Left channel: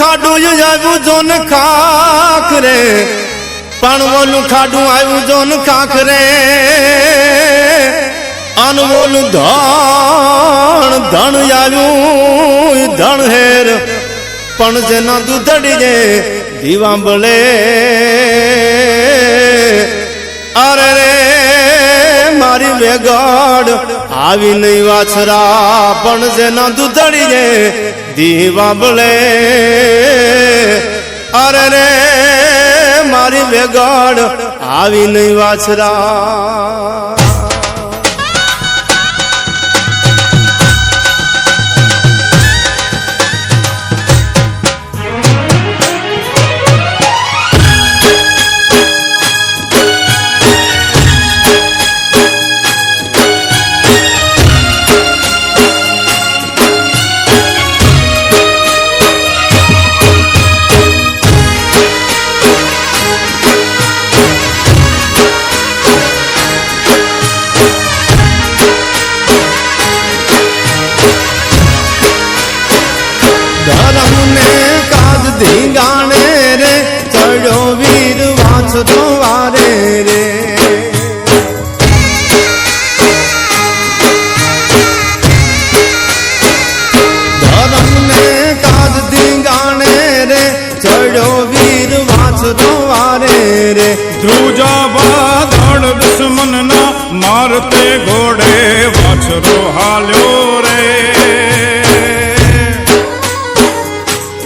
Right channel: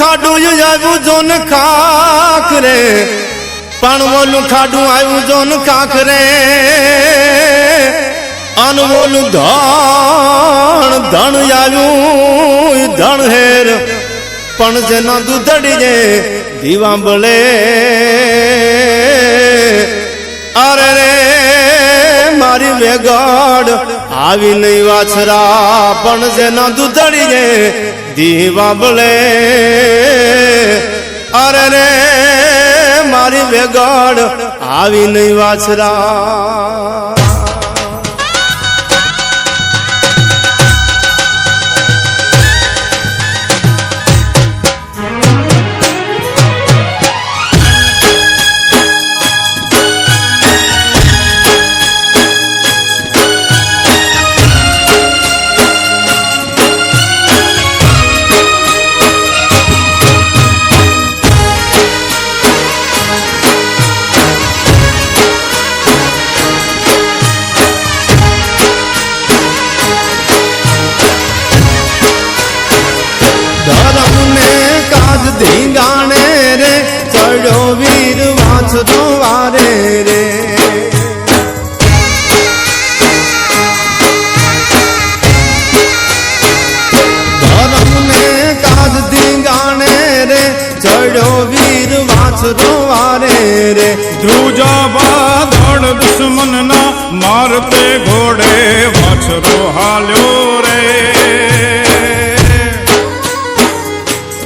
ખાડું આવ્યું જોન ખાખ રે પાણવોલું ખાડું આવ્યું જોન ખાખ રે અનવોલું ધણ ધણ આવ્યું ધણ હેર પણ જેના દૂધડી જે દીવાંબળે અરે રે મારી વેગડ આવી નહીં વાછરા પણ જેના દૂધડી જે દીવાંબળે અરે રે મારી વેગડ આવી નહીં વાછરા धर्म ने काज धींगाणे रे चढ़ो वीर वाछरो वारे रे धर्म ने काज धींगाणे रे चढ़ो वीर वाछरो वारे रे द्रुजा बादल दुश्मन ना मारते घोड़े वाछरो हाल्यो रे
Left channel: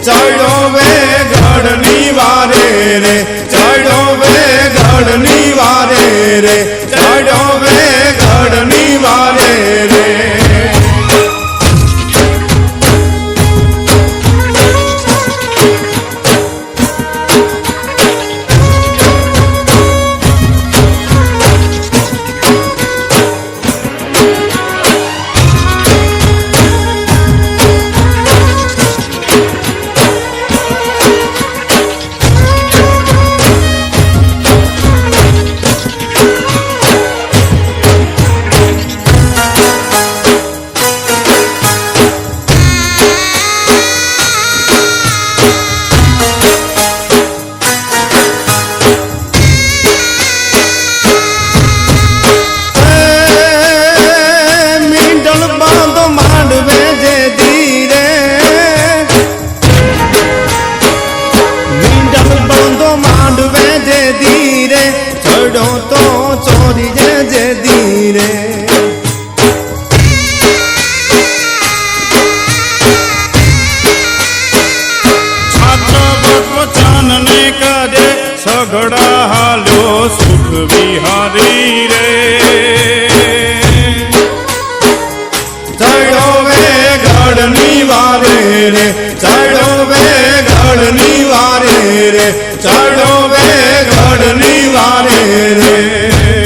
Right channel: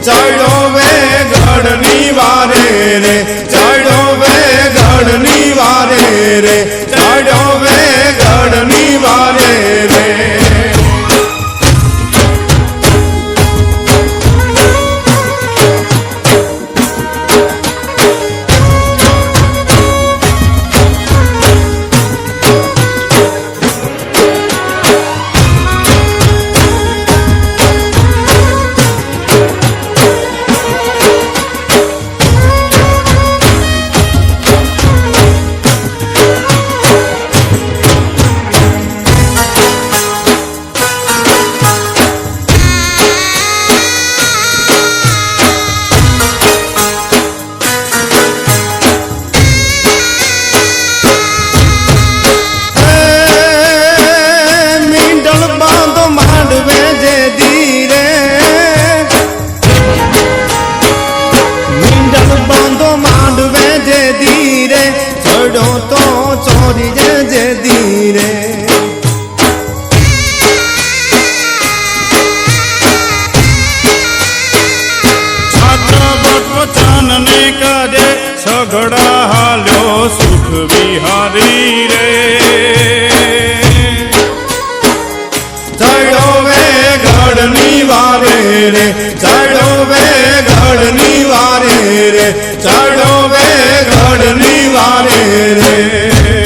चढ़ो वे गढ़नी वारे रे चढ़ो वे गढ़नी वारे रे चढ़ो वे गढ़नी वारे रे मांडवे जे धीरे मींडल बांधो मांडवे जे धीरे चढ़ो तो चोरी जे धीरे छात्र वचन ने करे सगड़ा हाल्यो सुख विहारी रे चढ़ो वे गढ़नी वारे रे चढ़ो वे गढ़नी वारे रे चढ़ो वे गढ़नी वारे रे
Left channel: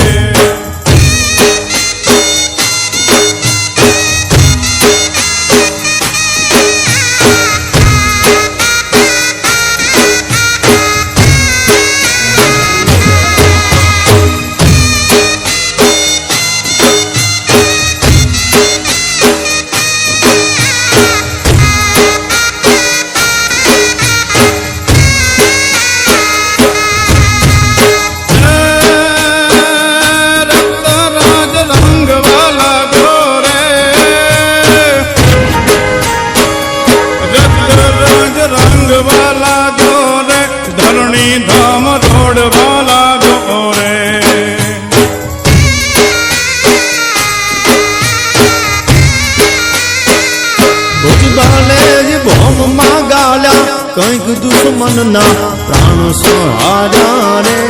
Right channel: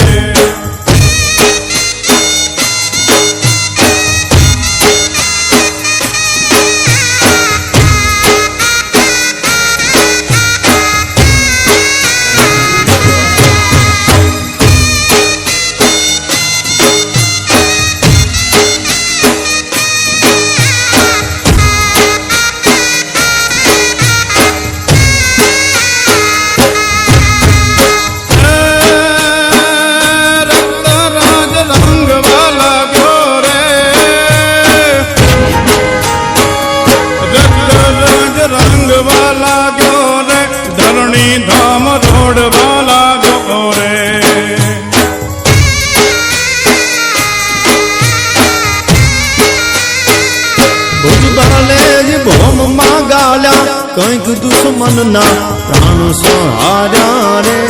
रंग वाला गोरे धरणी धाम रोड वाला गोरे भुजबाले जी भोम मागाल्या कंईक दुश्मन ना प्राण सहारा रे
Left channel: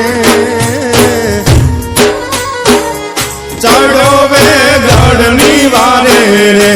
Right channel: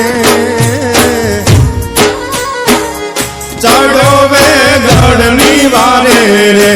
चढ़ो वे गढ़नी वारे रे